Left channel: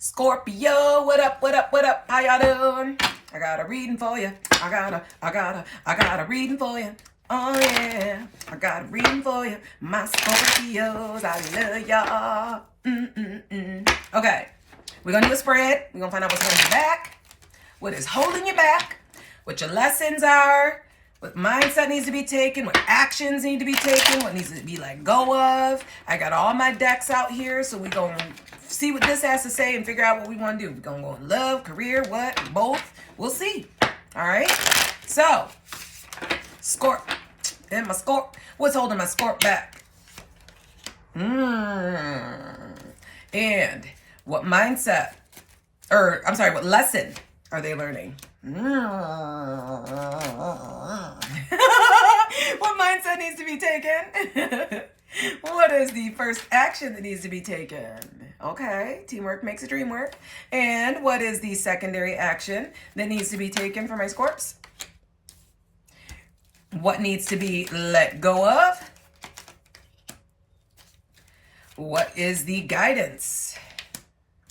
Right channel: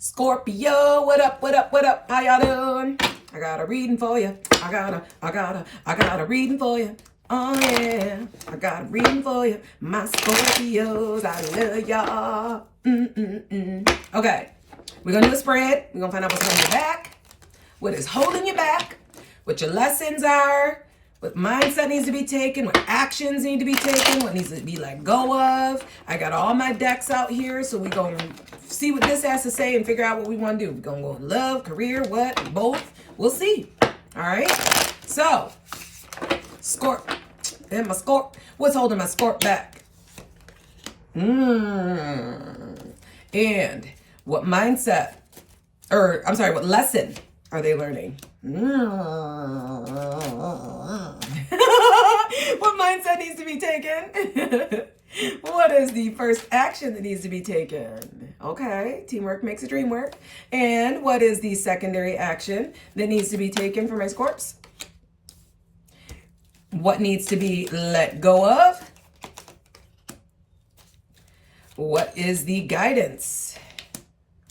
Scorpio, what up, what up, what up? How y'all doing? I got a reading for you. I got a reading for you. Oh yeah, I got a reading for you. My Scorpios, I love y'all. Okay, we're gonna do a spread. We're gonna find out what's holding you back, what is holding you back, what your lessons are, what mindset needs to be taken, what actions need to be taken, what needs to be let go of. I got all my decks out here, so we're going to see what this has to say and figure out what we want to do. We're going to go in love, career, what, both. We'll see. All right? So, Scorp. And my Scorp. What's holding my Scorp back? And what mindset, or I'm sorry, what lesson are they learning? What mindset needs to be taken? What is the first action that needs to be taken? Okay, teamwork makes a dream work. And what is the secondary action that needs to be taken for my Scorps? What needs to be let go of? What is the guidance?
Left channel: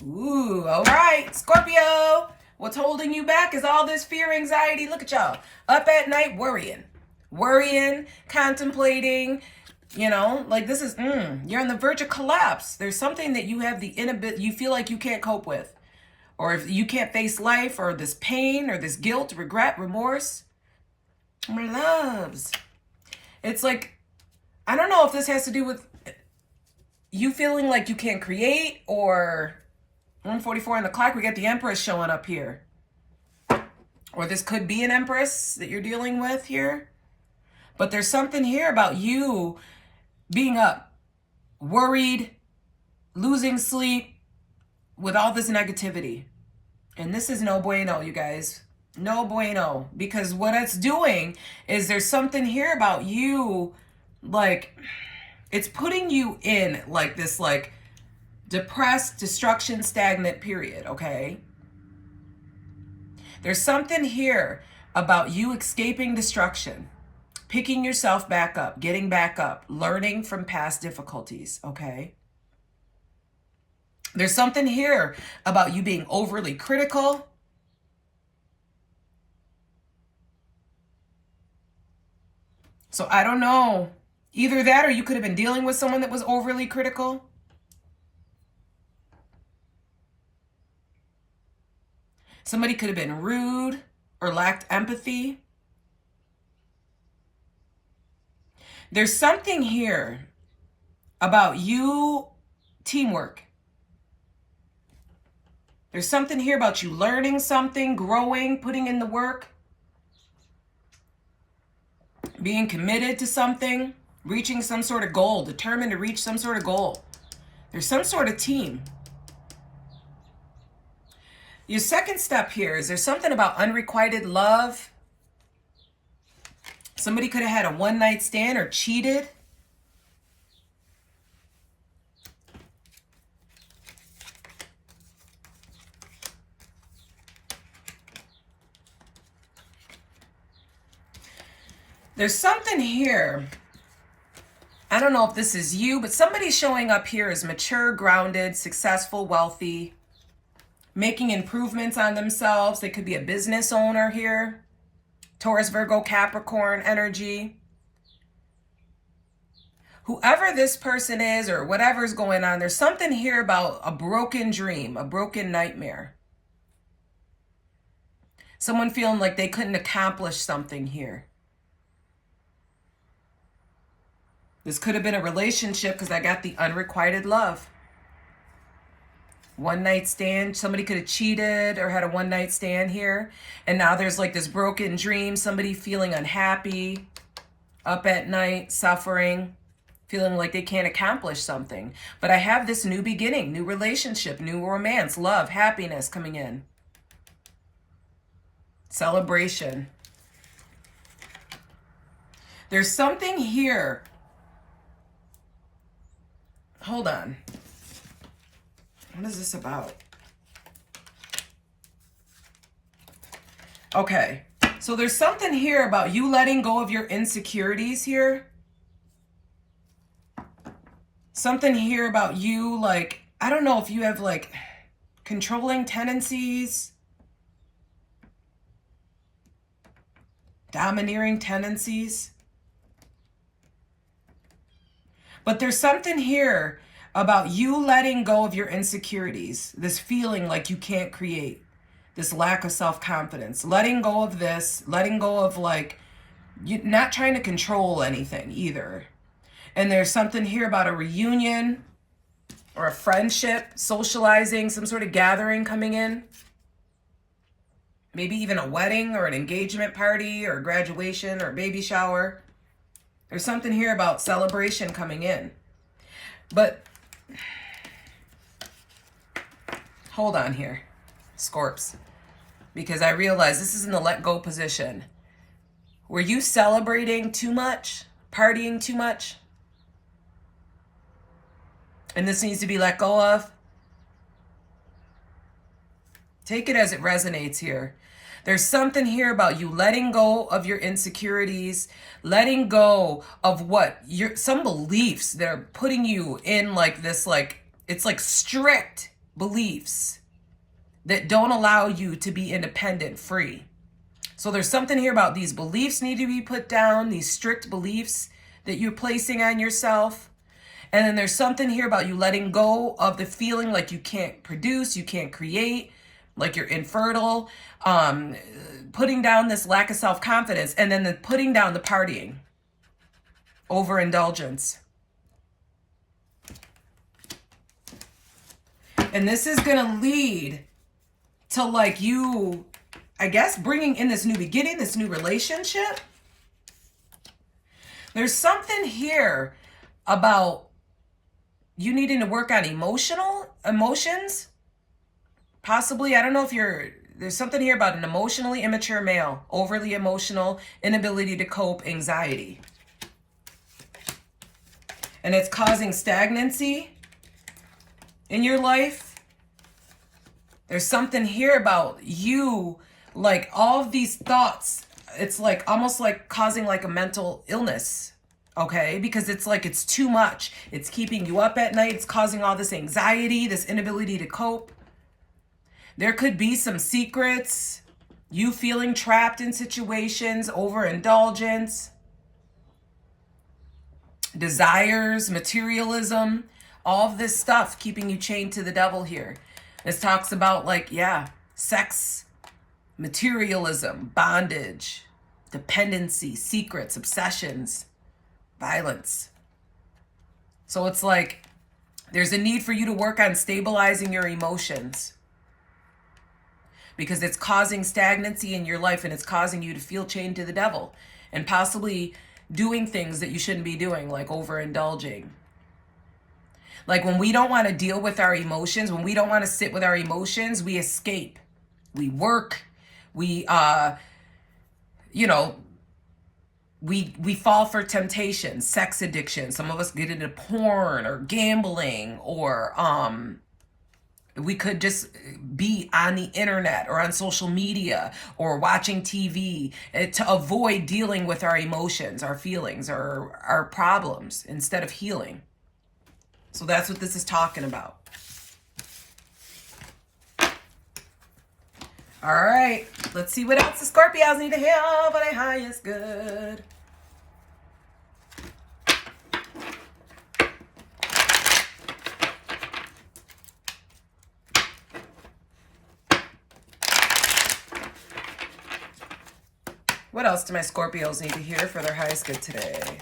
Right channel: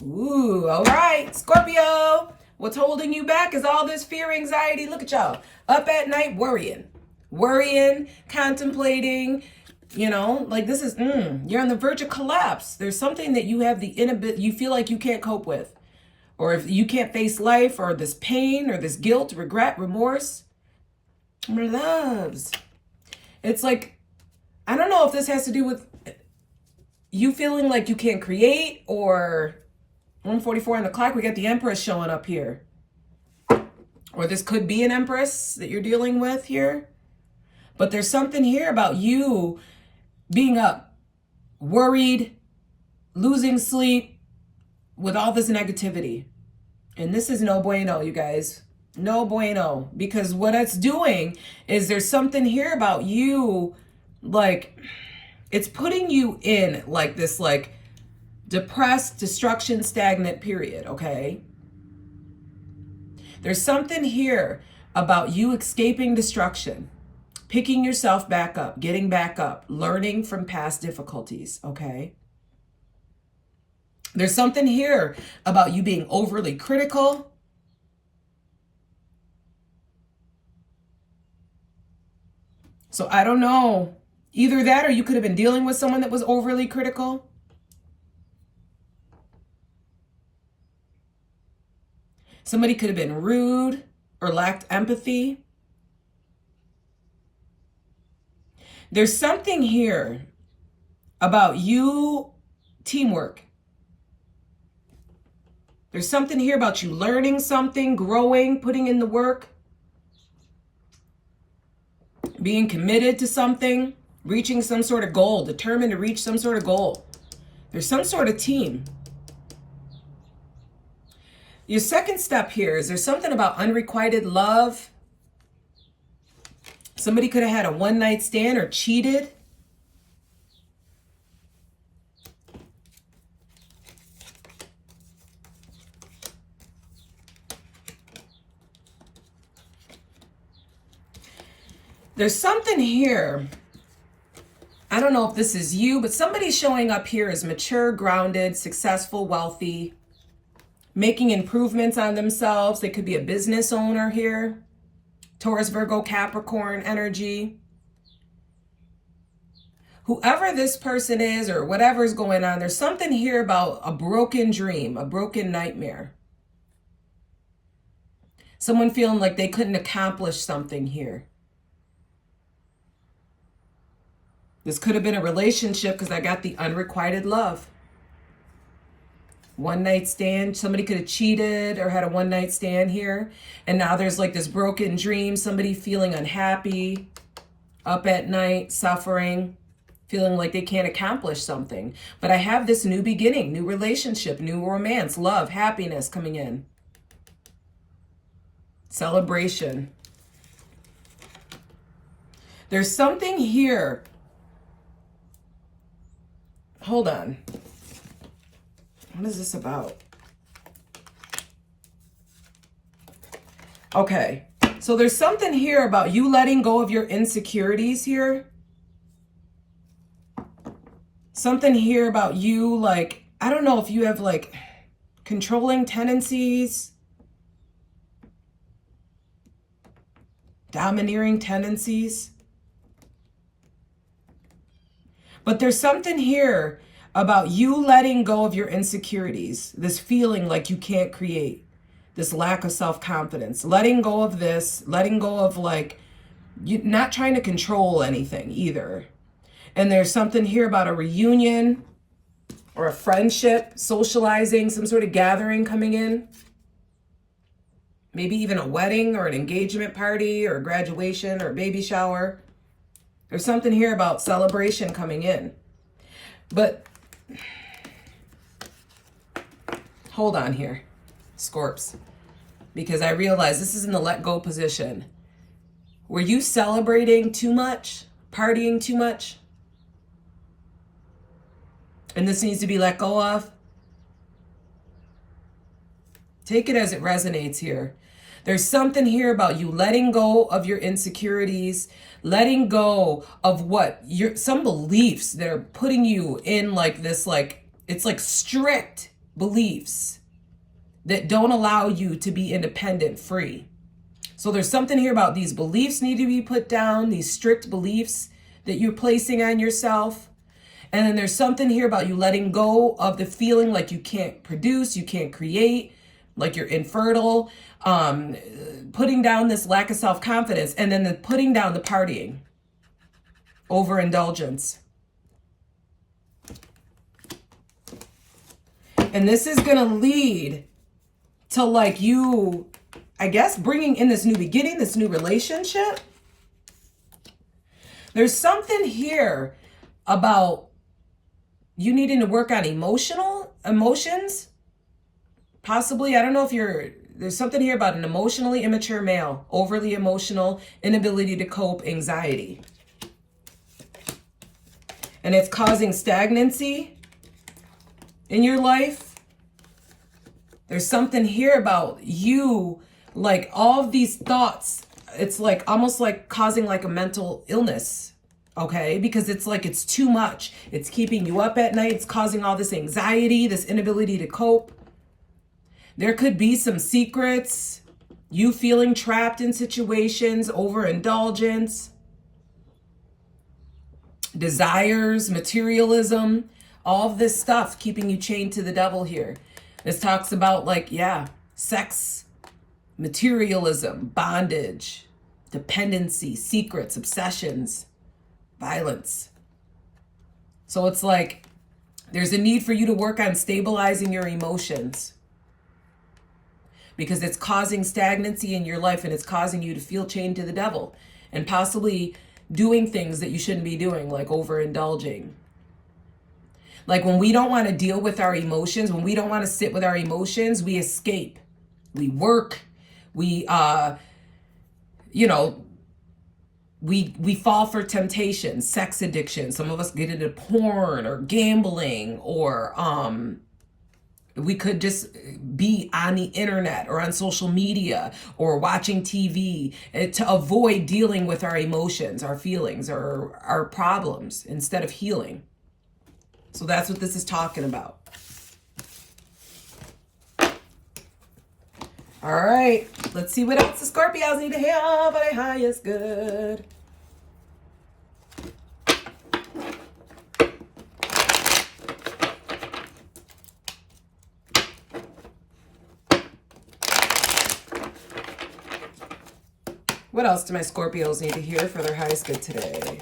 Ooh, all right, Scorpio. What's holding you back is all this fear, anxiety. Look at y'all. Up at night worrying, contemplating, you know, like this is, you're on the verge of collapse. There's something that you have the inability, you feel like you can't cope with, or if you can't face life, or this pain, or this guilt, regret, remorse. My loves. It's like, I don't know if this has to do with you feeling like you can't create, or 1:44 on the clock, we got the Empress showing up here. Or this could be an Empress that you're dealing with here. But there's something here about you being up, worried, losing sleep with all this negativity. And this is no bueno, you guys. No bueno. Because what it's doing is there's something here about you, like, it's putting you in like this, like, depressed, destruction, stagnant period, okay? There's something here about you escaping destruction, picking yourself back up, getting back up, learning from past difficulties, okay? There's something here about you being overly critical. So I don't know. Either that, or you could have been dealing with someone that was overly critical. Somebody could have been rude or lacked empathy. There's something here about you, teamwork. There's something here about you learning something, growing, putting in the work, being committed to something, reaching some sort of goal, determined to reach some sort of goal. There's some sort of team. Your second step here is there's something about unrequited love. Somebody could have had a one-night stand or cheated. There's something here. I don't know if this is you, but somebody showing up here is mature, grounded, successful, wealthy, making improvements on themselves. They could be a business owner here. Taurus, Virgo, Capricorn energy. Whoever this person is or whatever's going on, there's something here about a broken dream, a broken nightmare. Someone feeling like they couldn't accomplish something here. This could have been a relationship because I got the unrequited love. One night stand, somebody could have cheated or had a one night stand here. And now there's like this broken dream, somebody feeling unhappy, up at night, suffering, feeling like they can't accomplish something. But I have this new beginning, new relationship, new romance, love, happiness coming in. Celebration. There's something here. Hold on. What is this about? Okay, so there's something here about you letting go of your insecurities here. Something here about you, like, I don't know if you have like controlling tendencies, domineering tendencies. But there's something here about you letting go of your insecurities, this feeling like you can't create, this lack of self-confidence, letting go of this, letting go of like, you not trying to control anything either. And there's something here about a reunion or a friendship, socializing, some sort of gathering coming in. Maybe even a wedding or an engagement party or graduation or baby shower. There's something here about celebration coming in. But hold on here, Scorps, because I realize this is in the let go position. Were you celebrating too much? Partying too much? And this needs to be let go of? Take it as it resonates here. There's something here about you letting go of your insecurities, letting go of what some beliefs that are putting you in like this, like, it's like strict beliefs that don't allow you to be independent, free. So there's something here about these beliefs need to be put down, these strict beliefs that you're placing on yourself. And then there's something here about you letting go of the feeling like you can't produce, you can't create, like you're infertile, putting down this lack of self-confidence, and then putting down the partying, overindulgence. And this is going to lead to like you, I guess, bringing in this new beginning, this new relationship. There's something here about you needing to work on emotions. Possibly, I don't know if there's something here about an emotionally immature male, overly emotional, inability to cope, anxiety. And it's causing stagnancy in your life. There's something here about you, like all of these thoughts, it's like almost like causing like a mental illness, okay? Because it's like it's too much. It's keeping you up at night. It's causing all this anxiety, this inability to cope. There could be some secrets, you feeling trapped in situations, overindulgence, desires, materialism, all of this stuff keeping you chained to the devil here. This talks about like, yeah, sex, materialism, bondage, dependency, secrets, obsessions, violence. So it's like there's a need for you to work on stabilizing your emotions, because it's causing stagnancy in your life and it's causing you to feel chained to the devil and possibly doing things that you shouldn't be doing, like overindulging. Like when we don't want to deal with our emotions, when we don't want to sit with our emotions, we escape. We work. We, we fall for temptation, sex addiction. Some of us get into porn or gambling, or we could just be on the internet or on social media or watching TV to avoid dealing with our emotions, our feelings, or our problems instead of healing. So that's what this is talking about. All right, let's see what else the Scorpios need to hear for their highest good. What else do my Scorpios need to hear for their highest good today?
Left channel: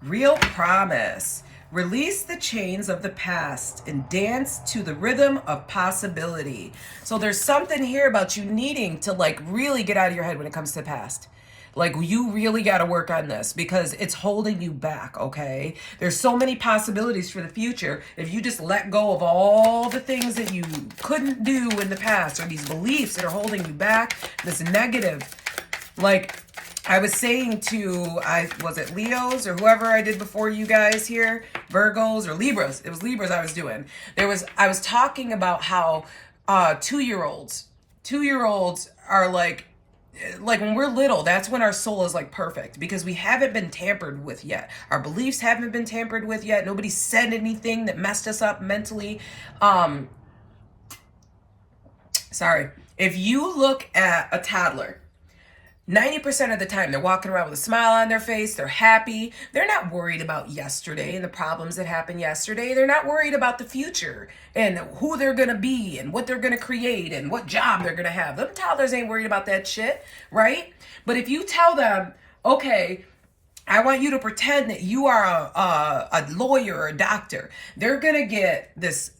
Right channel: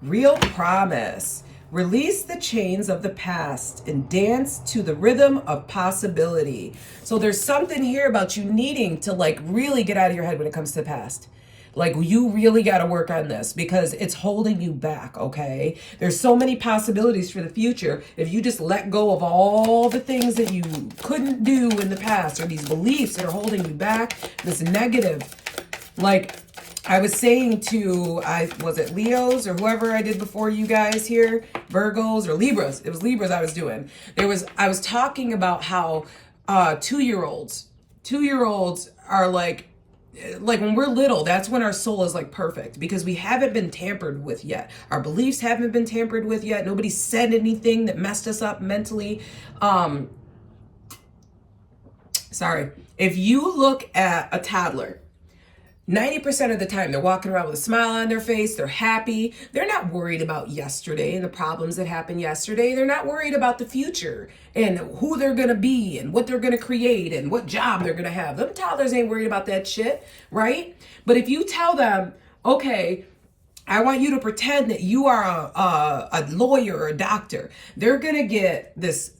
Real promise. Release the chains of the past and dance to the rhythm of possibility. So there's something here about you needing to like really get out of your head when it comes to the past. Like you really got to work on this because it's holding you back, okay? There's so many possibilities for the future if you just let go of all the things that you couldn't do in the past, or these beliefs that are holding you back, this negative. Like I was saying to, was it Leos or whoever I did before you guys here, Virgos or Libras? It was Libras I was doing. I was talking about how 2-year-olds are like, like when we're little, that's when our soul is like perfect, because we haven't been tampered with yet. Our beliefs haven't been tampered with yet. Nobody said anything that messed us up mentally. Sorry. If you look at a toddler, 90% of the time, they're walking around with a smile on their face. They're happy. They're not worried about yesterday and the problems that happened yesterday. They're not worried about the future and who they're going to be and what they're going to create and what job they're going to have. Them toddlers ain't worried about that shit, right? But if you tell them, okay, I want you to pretend that you are a lawyer or a doctor, they're going to get this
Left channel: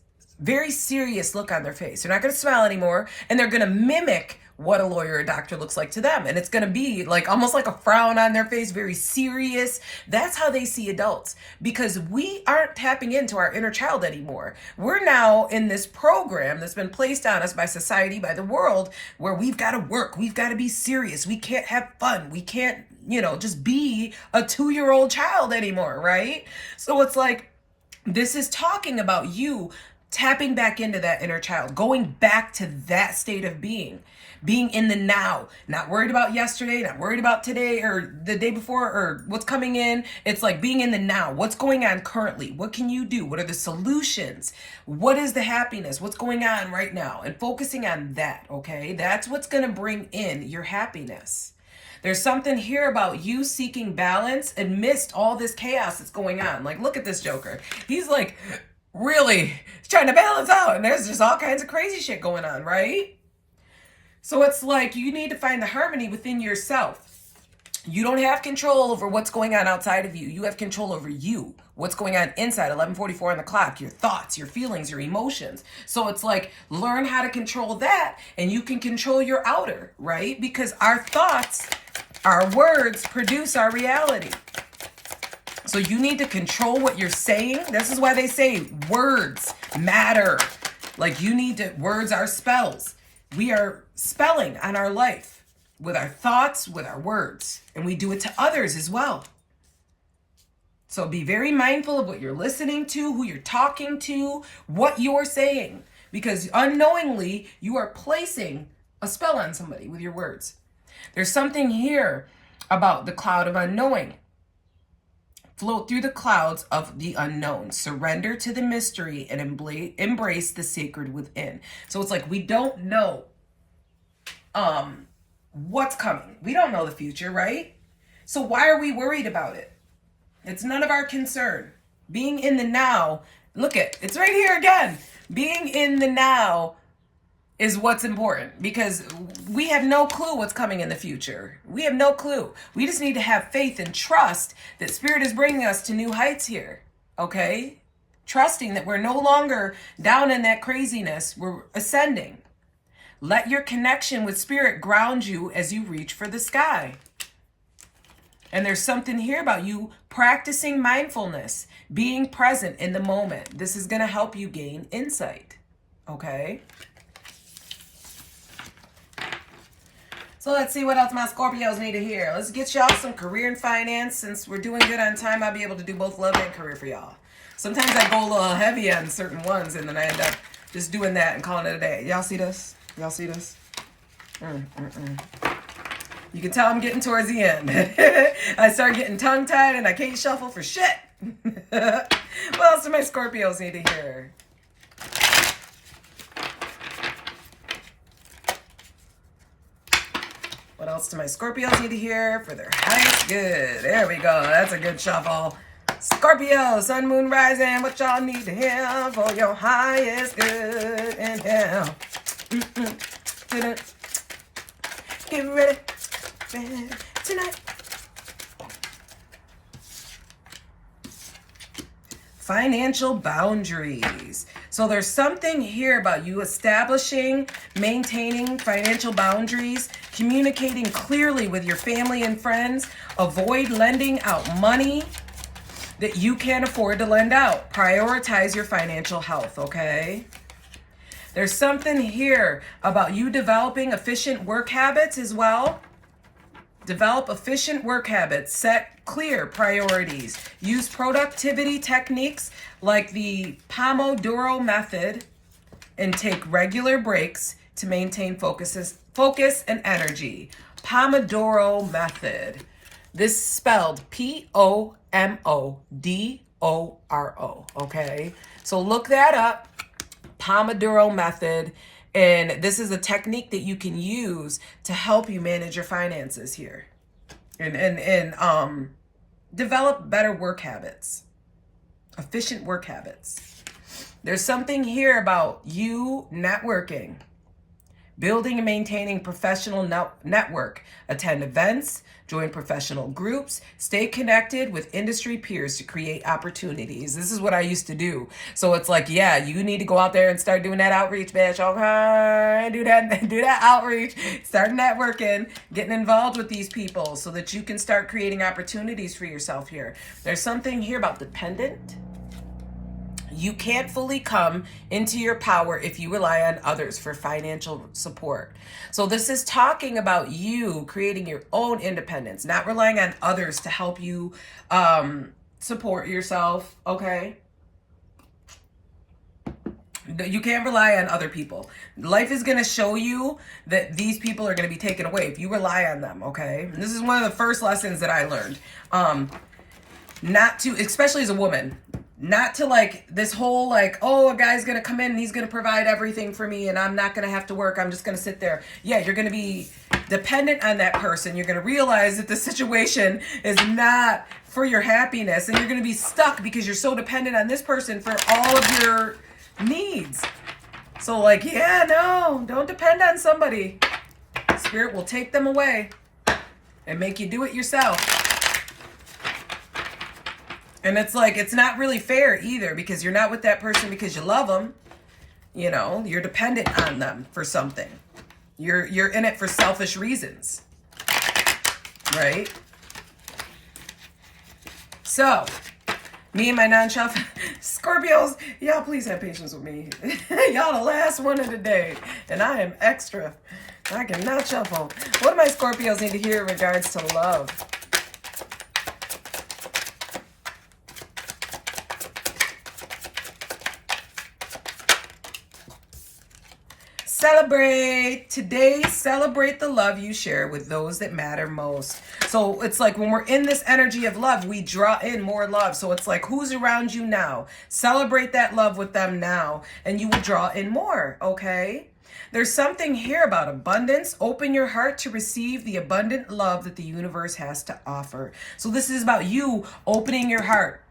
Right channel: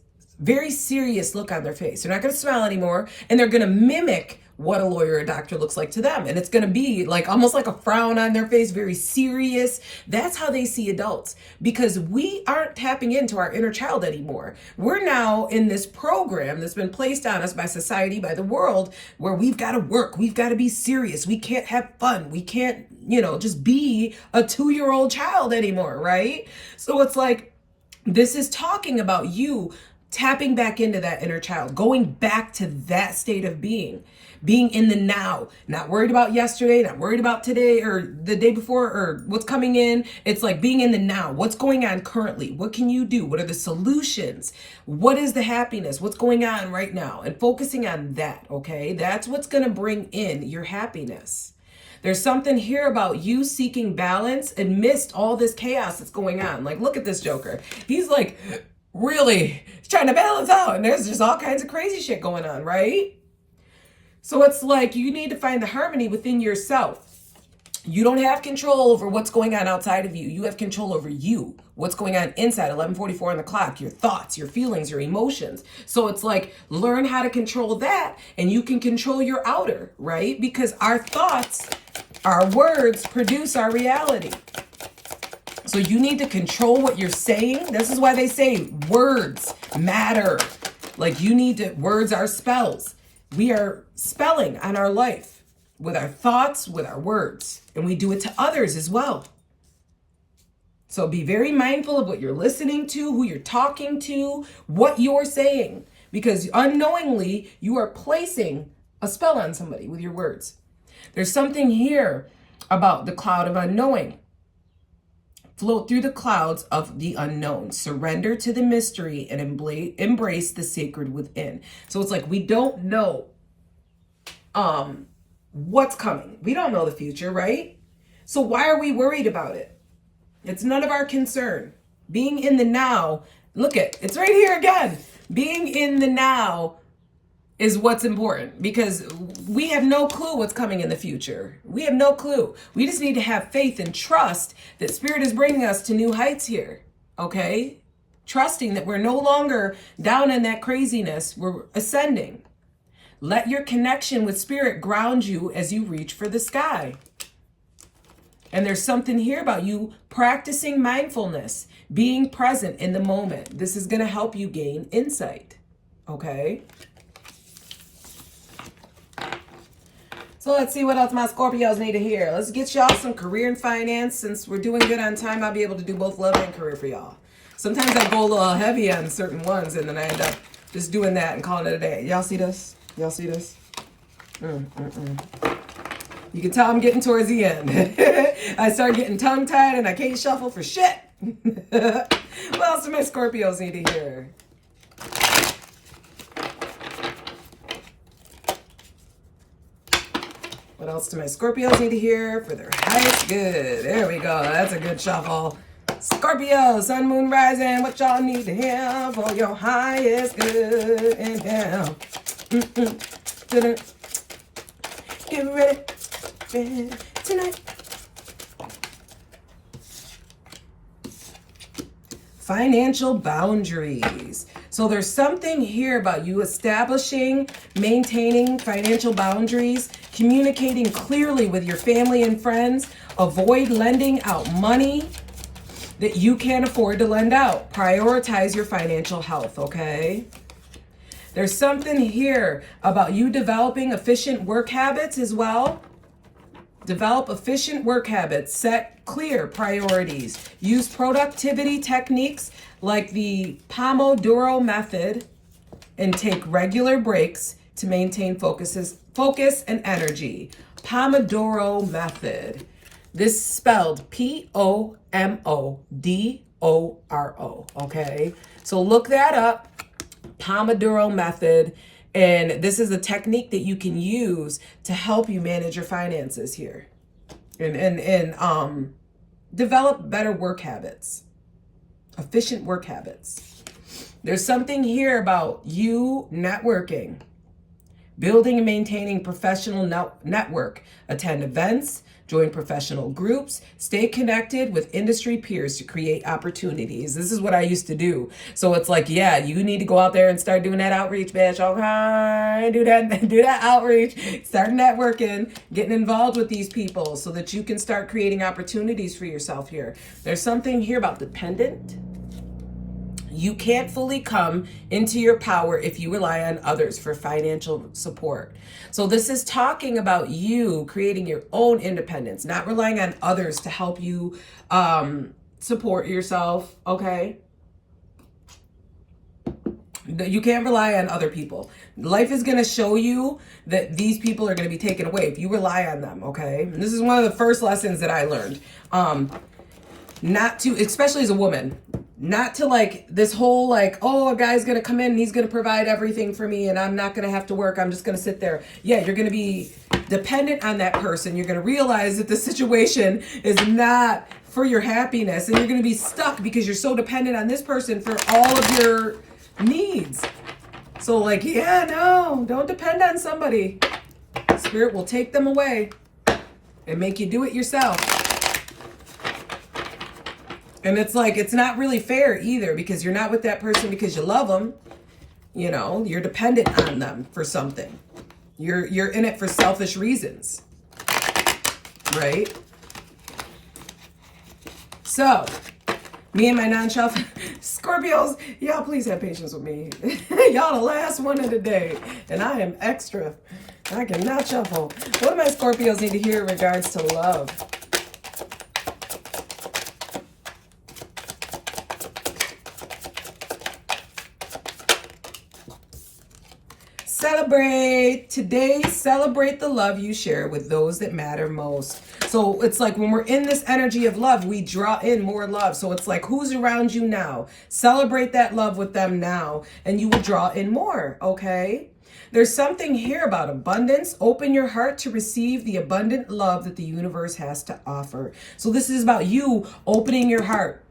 very serious look on their face. They're not going to smile anymore, and they're going to mimic what a lawyer or doctor looks like to them. And it's going to be like almost like a frown on their face, very serious. That's how they see adults, because we aren't tapping into our inner child anymore. We're now in this program that's been placed on us by society, by the world, where we've got to work. We've got to be serious. We can't have fun. We can't, just be a 2-year-old child anymore, right? So it's like, this is talking about you tapping back into that inner child, going back to that state of being in the now, not worried about yesterday, not worried about today or the day before or what's coming in. It's like being in the now. What's going on currently? What can you do? What are the solutions? What is the happiness? What's going on right now? And focusing on that, okay? That's what's going to bring in your happiness. There's something here about you seeking balance amidst all this chaos that's going on. Like, look at this Joker. He's like really trying to balance out, and there's just all kinds of crazy shit going on, right? So it's like you need to find the harmony within yourself. You don't have control over what's going on outside of you. You have control over you. What's going on inside, 11:44 on the clock, your thoughts, your feelings, your emotions. So it's like, learn how to control that, and you can control your outer, right? Because our thoughts, our words produce our reality. So you need to control what you're saying. This is why they say words matter. Like, words are spells. We are spelling on our life with our thoughts, with our words, and we do it to others as well. So be very mindful of what you're listening to, who you're talking to, what you're saying, because unknowingly you are placing a spell on somebody with your words. There's something here about the cloud of unknowing. Float through the clouds of the unknown. Surrender to the mystery and embrace the sacred within. So it's like we don't know what's coming. We don't know the future, right? So why are we worried about it? It's none of our concern. Being in the now, it's right here again. Being in the now is what's important, because we have no clue what's coming in the future. We have no clue. We just need to have faith and trust that Spirit is bringing us to new heights here, okay? Trusting that we're no longer down in that craziness. We're ascending. Let your connection with Spirit ground you as you reach for the sky. And there's something here about you practicing mindfulness, being present in the moment. This is going to help you gain insight, okay? So let's see what else my Scorpios need to hear. Let's get y'all some career and finance. Since we're doing good on time, I'll be able to do both love and career for y'all. Sometimes I go a little heavy on certain ones, and then I end up just doing that and calling it a day. Y'all see this? Y'all see this? You can tell I'm getting towards the end. I start getting tongue-tied and I can't shuffle for shit. What else do my Scorpios need to hear? What else do my Scorpios need to hear for their height? Good. There we go. That's a good shuffle. Scorpio, sun, moon, rising. What y'all need to hear for your highest good? Inhale. Get ready tonight. Financial boundaries. So there's something here about you establishing, maintaining financial boundaries, communicating clearly with your family and friends. Avoid lending out money that you can't afford to lend out. Prioritize your financial health, okay? There's something here about you developing efficient work habits as well. Develop efficient work habits. Set clear priorities. Use productivity techniques like the Pomodoro method, and take regular breaks to maintain focus and energy. Pomodoro method. This is spelled Pomodoro, okay? So look that up, Pomodoro method. And this is a technique that you can use to help you manage your finances here and develop better work habits, efficient work habits. There's something here about you networking, building and maintaining professional network, attend events, join professional groups, stay connected with industry peers to create opportunities. This is what I used to do. So it's like, yeah, you need to go out there and start doing that outreach, bitch. Okay, do that outreach, start networking, getting involved with these people so that you can start creating opportunities for yourself here. There's something here about dependent. You can't fully come into your power if you rely on others for financial support. So this is talking about you creating your own independence, not relying on others to help you support yourself, okay? You can't rely on other people. Life is going to show you that these people are going to be taken away if you rely on them, okay? And this is one of the first lessons that I learned. Not to, especially as a woman, not to like this whole like, oh, a guy's going to come in and he's going to provide everything for me and I'm not going to have to work. I'm just going to sit there. Yeah, you're going to be dependent on that person. You're going to realize that the situation is not for your happiness and you're going to be stuck because you're so dependent on this person for all of your needs. So like, yeah, no, don't depend on somebody. Spirit will take them away and make you do it yourself. And it's like, it's not really fair either because you're not with that person because you love them. You know, you're dependent on them for something. You're in it for selfish reasons. Right? So, me and my non-shelf Scorpios, y'all please have patience with me. Y'all the last one of the day. And I am extra. I cannot shuffle. What do my Scorpios need to hear in regards to love? Celebrate. Today, celebrate the love you share with those that matter most. So it's like when we're in this energy of love, we draw in more love. So it's like, who's around you now? Celebrate that love with them now, and you will draw in more, okay? There's something here about abundance. Open your heart to receive the abundant love that the universe has to offer. So this is about you opening your heart.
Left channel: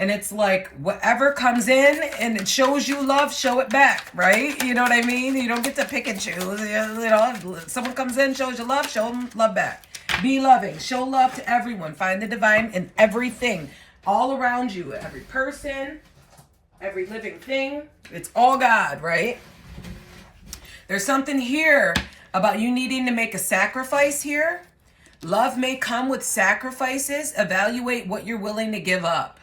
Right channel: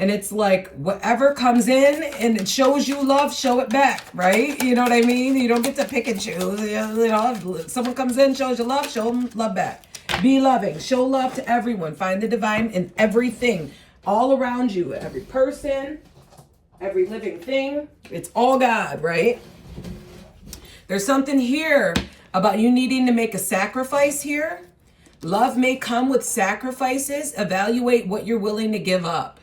And it's like whatever comes in and it shows you love, show it back, right? You know what I mean? You don't get to pick and choose. You know, someone comes in, shows you love, show them love back. Be loving. Show love to everyone. Find the divine in everything, all around you, every person, every living thing. It's all God, right? There's something here about you needing to make a sacrifice here. Love may come with sacrifices. Evaluate what you're willing to give up.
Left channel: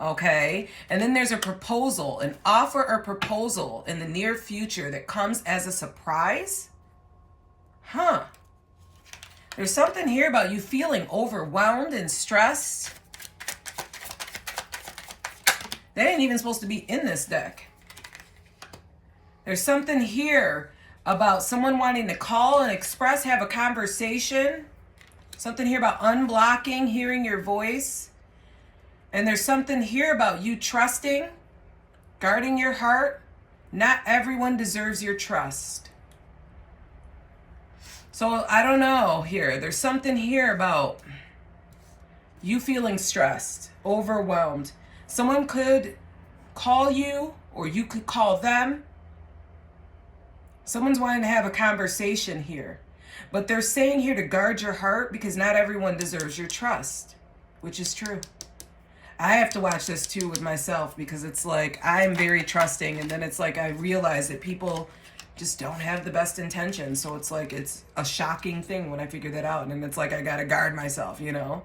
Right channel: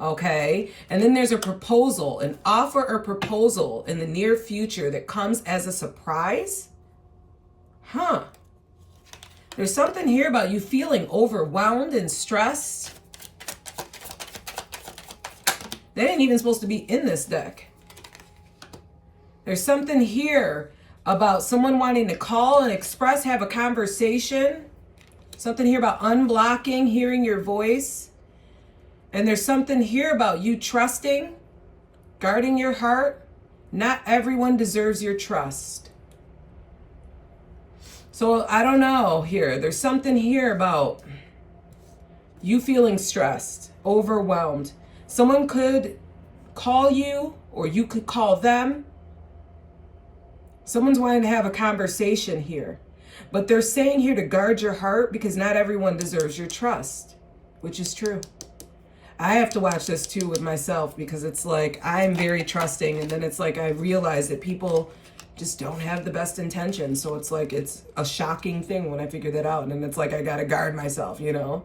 Okay, and then there's a proposal, an offer or proposal in the near future that comes as a surprise. Huh. There's something here about you feeling overwhelmed and stressed. That ain't even supposed to be in this deck. There's something here about someone wanting to call and express, have a conversation. Something here about unblocking, hearing your voice. And there's something here about you trusting, guarding your heart. Not everyone deserves your trust. So I don't know here. There's something here about you feeling stressed, overwhelmed. Someone could call you or you could call them. Someone's wanting to have a conversation here. But they're saying here to guard your heart because not everyone deserves your trust, which is true. I have to watch this too with myself because it's like I'm very trusting and then it's like I realize that people just don't have the best intentions. So it's like it's a shocking thing when I figure that out and it's like I got to guard myself, you know.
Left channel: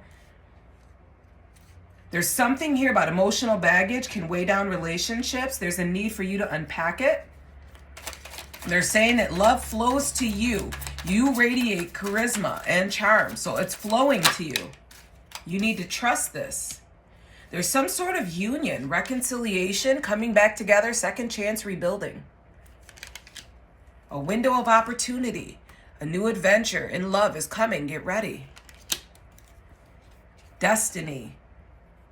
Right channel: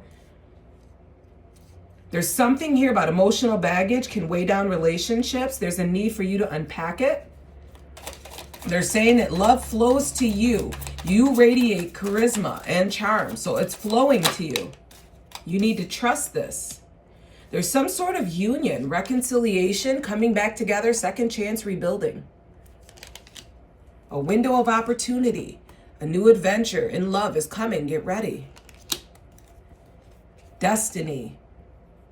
There's something here about emotional baggage can weigh down relationships. There's a need for you to unpack it. They're saying that love flows to you. You radiate charisma and charm, so it's flowing to you. You need to trust this. There's some sort of union, reconciliation, coming back together, second chance rebuilding. A window of opportunity, A new adventure in love is coming. Get ready. Destiny.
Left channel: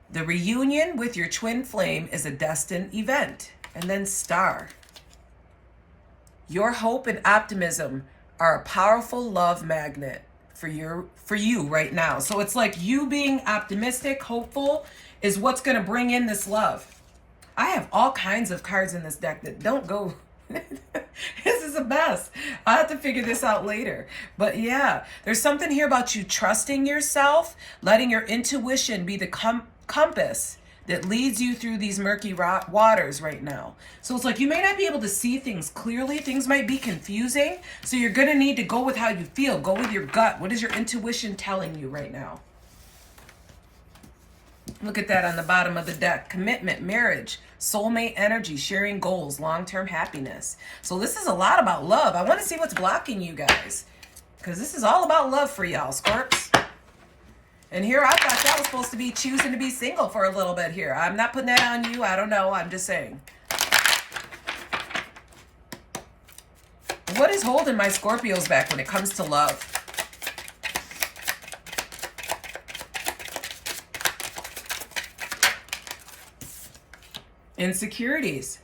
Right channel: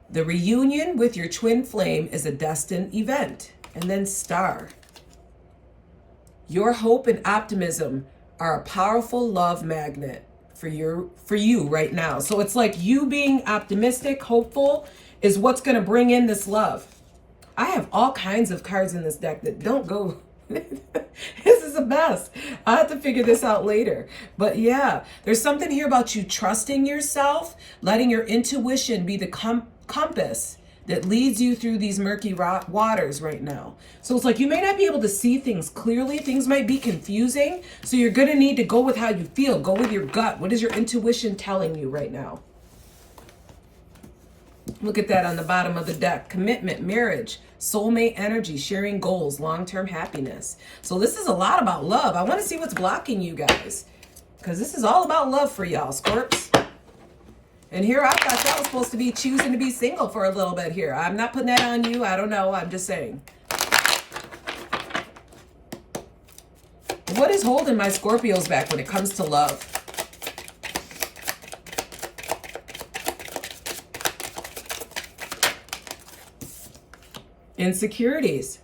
The reunion with your twin flame is a destined event. And then star. Your hope and optimism are a powerful love magnet for you right now. So it's like you being optimistic, hopeful is what's going to bring in this love. I have all kinds of cards in this deck that don't go. This is the best. I'll have to figure this out later. But yeah, there's something here about you trusting yourself, letting your intuition be the compass that leads you through these murky waters right now. So it's like you may not be able to see things clearly. Things might be confusing. So you're going to need to go with how you feel. Go with your gut. What is your intuition telling you right now? Look at that on the bottom of the deck. Commitment, marriage, soulmate energy, sharing goals, long-term happiness. So this is a lot about love. I want to see what's blocking you guys, because this is all about love for y'all, Scorps. And here I thought y'all was supposed to be choosing to be single for a little bit here. I'm not putting that on you. I don't know. I'm just saying. What is holding my Scorpios back when it comes to love? Insecurities.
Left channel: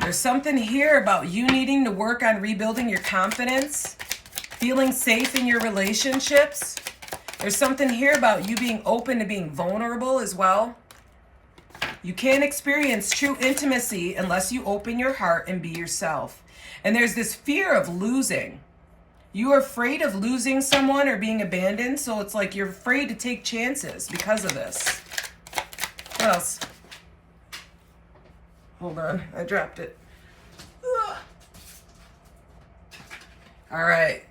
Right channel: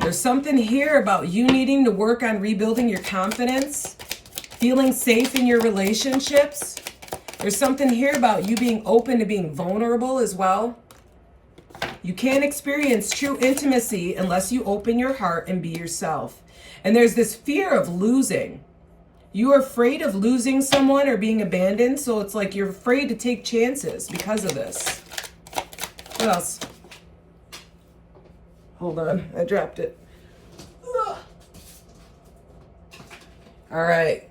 There's something here about you needing to work on rebuilding your confidence, feeling safe in your relationships. There's something here about you being open to being vulnerable as well. You can't experience true intimacy unless you open your heart and be yourself. And there's this fear of losing. You are afraid of losing someone or being abandoned, so it's like you're afraid to take chances because of this. What else? Hold on, I dropped it. Ugh. All right,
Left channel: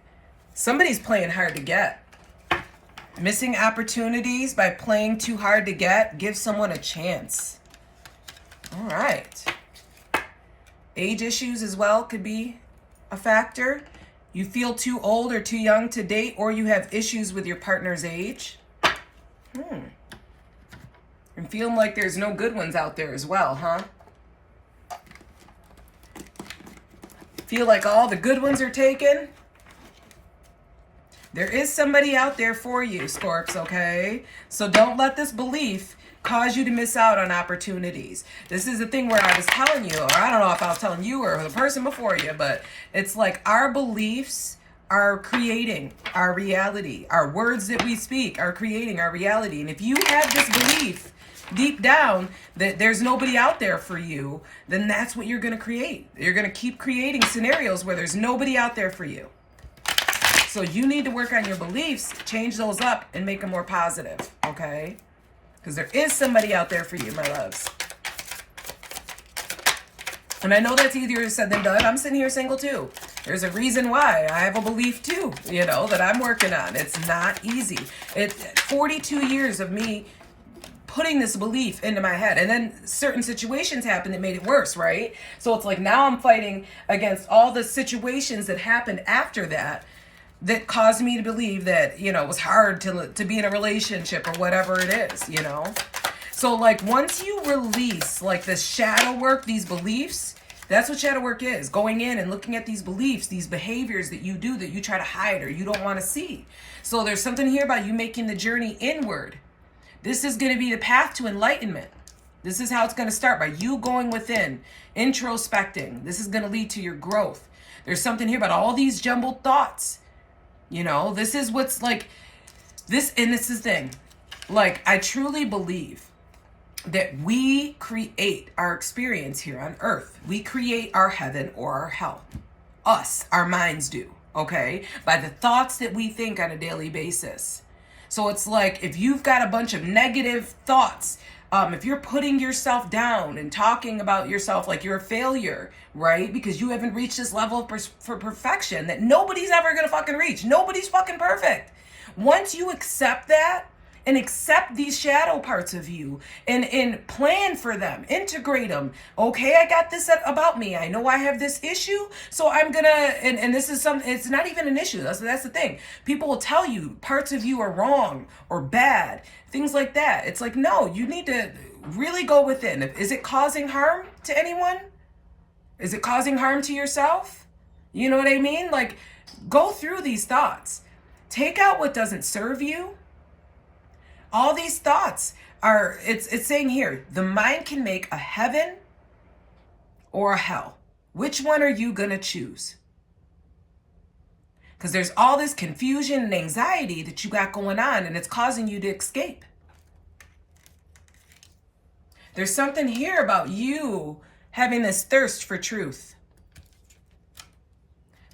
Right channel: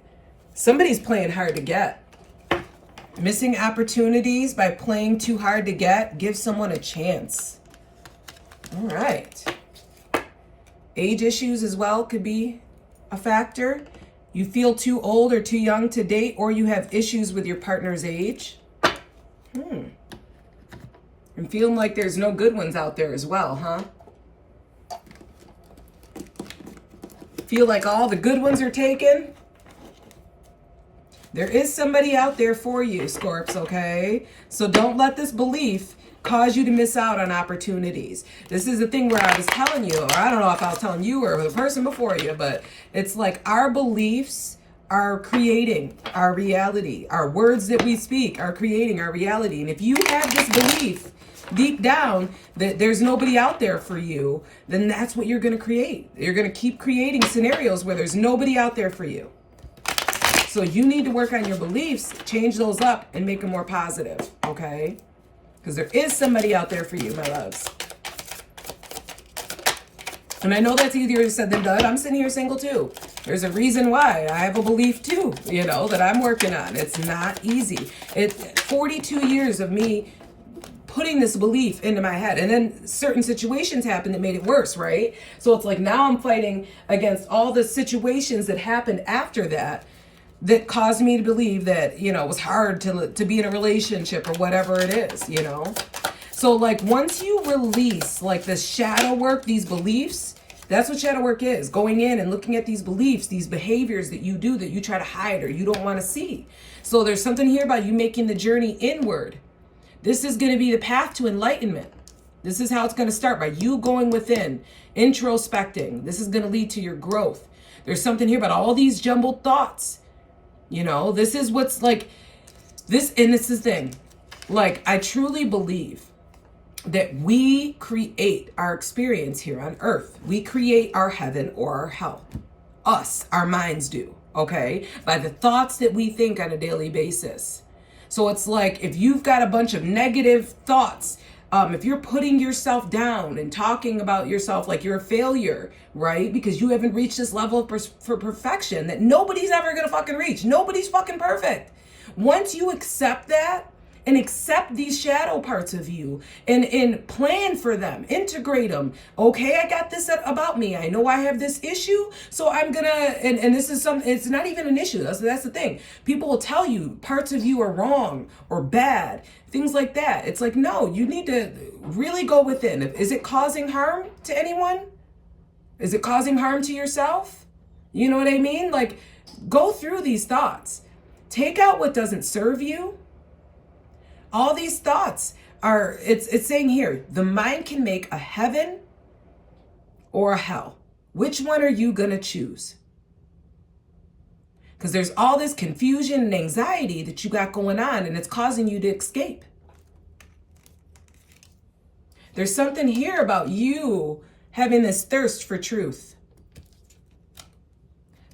somebody's playing hard to get. Missing opportunities by playing too hard to get. Give someone a chance. All right. Age issues as well could be a factor. You feel too old or too young to date, or you have issues with your partner's age. I'm feeling like there's no good ones out there as well, huh? Feel like all the good ones are taken. There is somebody out there for you, Scorps, okay? So don't let this belief cause you to miss out on opportunities. This is the thing where I was telling you, or I don't know if I was telling you or the person before you, but it's like our beliefs are creating our reality. Our words that we speak are creating our reality. And if you have this belief deep down that there's nobody out there for you, then that's what you're going to create. You're going to keep creating scenarios where there's nobody out there for you. So you need to work on your beliefs, change those up, and make them more positive, okay? Because there is somebody out there for you, my loves. And I know that's easier said than done. I'm sitting here single too. There's a reason why. I have a belief too, you know, that I'm working on. It's not easy. It's 42 years of me putting this belief into my head, and then certain situations happened that made it worse, right? So it's like now I'm fighting against all the situations that happened after that caused me to believe that, you know, it was hard to be in a relationship or whatever it is, you know? So like once you release like this shadow work, these beliefs, that's what shadow work is. Going in and looking at these beliefs, these behaviors that you do that you try to hide or you don't want to see. So there's something here about you making the journey inward. This is going to be the path to enlightenment. This is how it's going to start, by you going within, introspecting. This is going to lead to your growth. There's something here about all these jumbled thoughts. You know, this is what's like this. And this is the thing. Like, I truly believe that we create our experience here on earth. We create our heaven or our hell. Us, our minds do. Okay. By the thoughts that we think on a daily basis. So it's like, if you've got a bunch of negative thoughts, if you're putting yourself down and talking about yourself like you're a failure, right? Because you haven't reached this level for perfection that nobody's ever going to fucking reach. Nobody's fucking perfect. Once you accept that and accept these shadow parts of you and plan for them, integrate them. Okay, I got this about me. I know I have this issue, so I'm gonna, and this is it's not even an issue. That's the thing. People will tell you parts of you are wrong or bad, things like that. It's like, no, you need to really go within. Is it causing harm to anyone? Is it causing harm to yourself? You know what I mean? Like, Go through these thoughts. Take out what doesn't serve you. All these thoughts are, it's saying here, the mind can make a heaven or a hell. Which one are you going to choose? Because there's all this confusion and anxiety that you got going on, and it's causing you to escape. There's something here about you having this thirst for truth.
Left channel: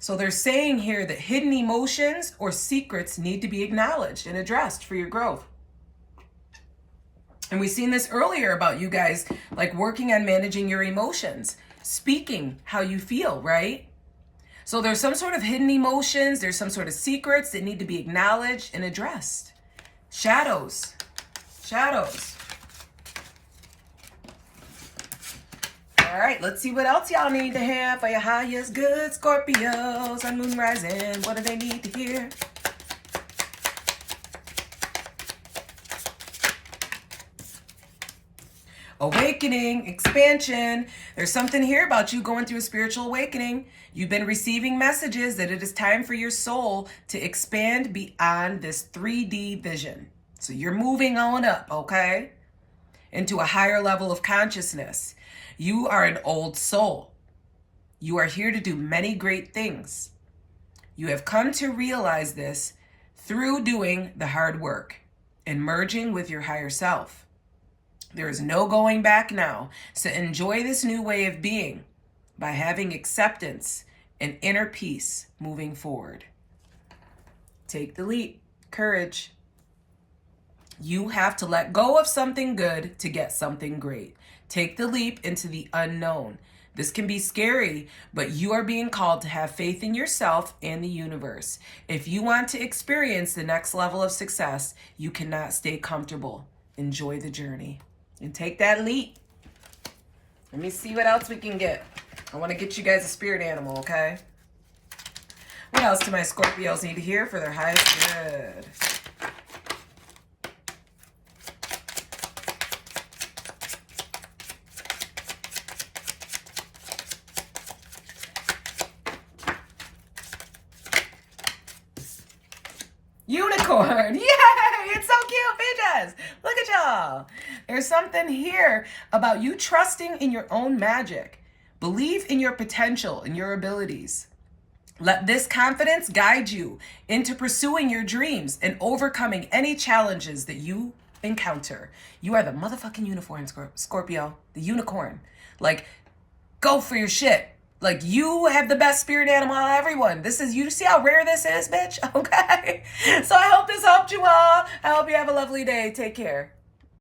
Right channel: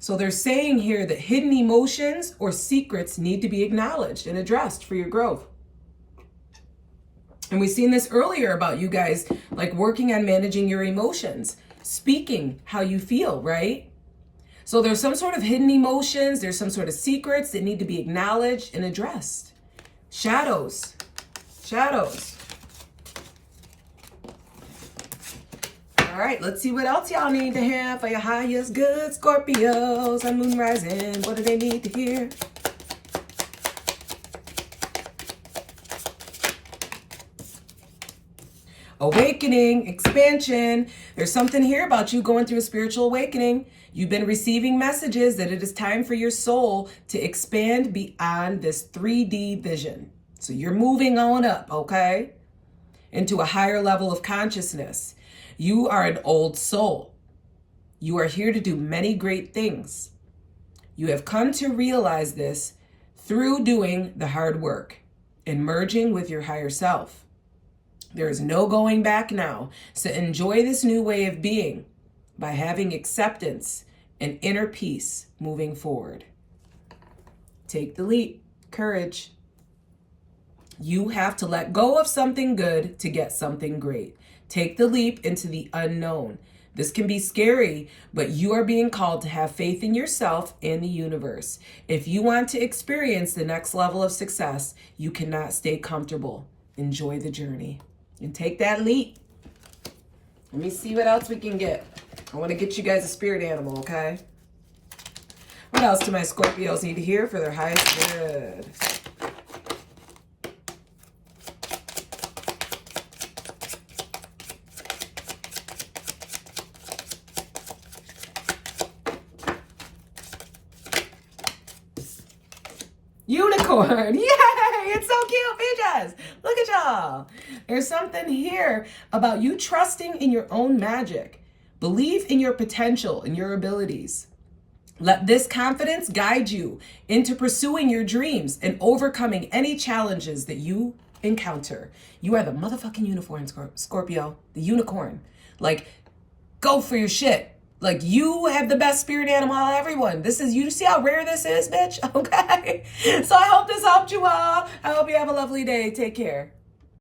So they're saying here that hidden emotions or secrets need to be acknowledged and addressed for your growth. And we've seen this earlier about you guys, like working on managing your emotions, speaking how you feel, right? So there's some sort of hidden emotions, there's some sort of secrets that need to be acknowledged and addressed. Shadows. Shadows. All right, let's see what else y'all need to have for your highest good, Scorpios on Moon Rising. What do they need to hear? Awakening, expansion. There's something here about you going through a spiritual awakening. You've been receiving messages that it is time for your soul to expand beyond this 3D vision. So you're moving on up, okay? Into a higher level of consciousness. You are an old soul. You are here to do many great things. You have come to realize this through doing the hard work and merging with your higher self. There is no going back now. So enjoy this new way of being by having acceptance and inner peace moving forward. Take the leap. Courage. You have to let go of something good to get something great. Take the leap into the unknown. This can be scary, but you are being called to have faith in yourself and the universe. If you want to experience the next level of success, you cannot stay comfortable. Enjoy the journey. And take that leap. Let me see what else we can get. I want to get you guys a spirit animal, okay? What else do my Scorpios need to hear for their highest good? Unicorn. Yay! It's so cute, bitches. Look at y'all. There's something here about you trusting in your own magic. Believe in your potential and your abilities. Let this confidence guide you into pursuing your dreams and overcoming any challenges that you encounter. You are the motherfucking unicorn, Scorpio. The unicorn. Like, go for your shit. Like, you have the best spirit animal out of everyone. This is, you see how rare this is, bitch? Okay? So I hope this helped you all. I hope you have a lovely day. Take care.